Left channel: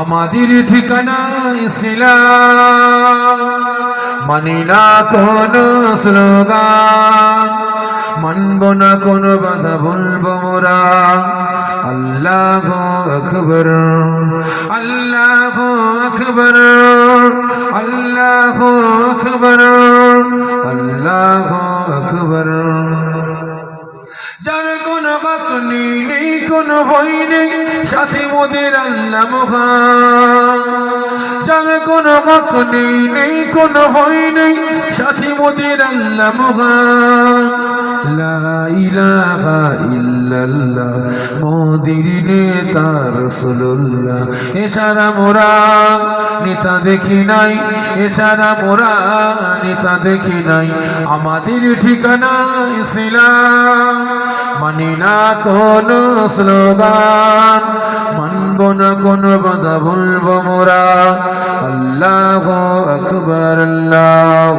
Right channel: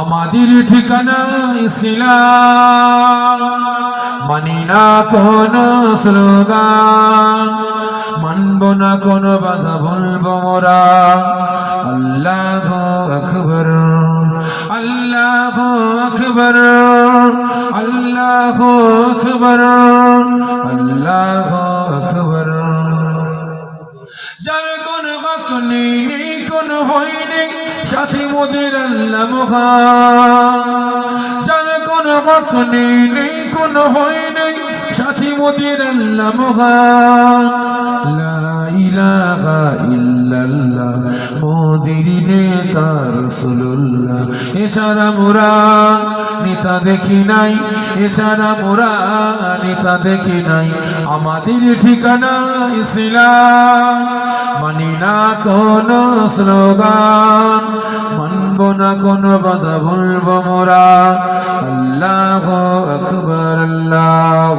আমাদের ঠিকানা ইসলাম। মানি না কোন স্লোগান, মানব না কোন বাধা বলব মোরা। আল্লাহ আকবর আল্লাহ আকবর আল্লাহ আকবর আল্লাহ আকবর। যার কোন বাক নেই, কোন ভয় নেই সাথে মোদের আল্লাহ কোন বাক নেই নেই, কোন ভয় নেই, সাথে মোদের আল্লাহ মহান মোদির নেতা রাসূলুল্লাহ। এছাড়া মোরা নেতা দেখি নাই এছাড়া মোরা নেতা দেখি নাই। আমাদের ঠিকানা ইসলাম, মানি না কোন স্লোগান। মানব না কোনো বাধা বলব মোরা। আল্লাহ আকবর আল্লাহ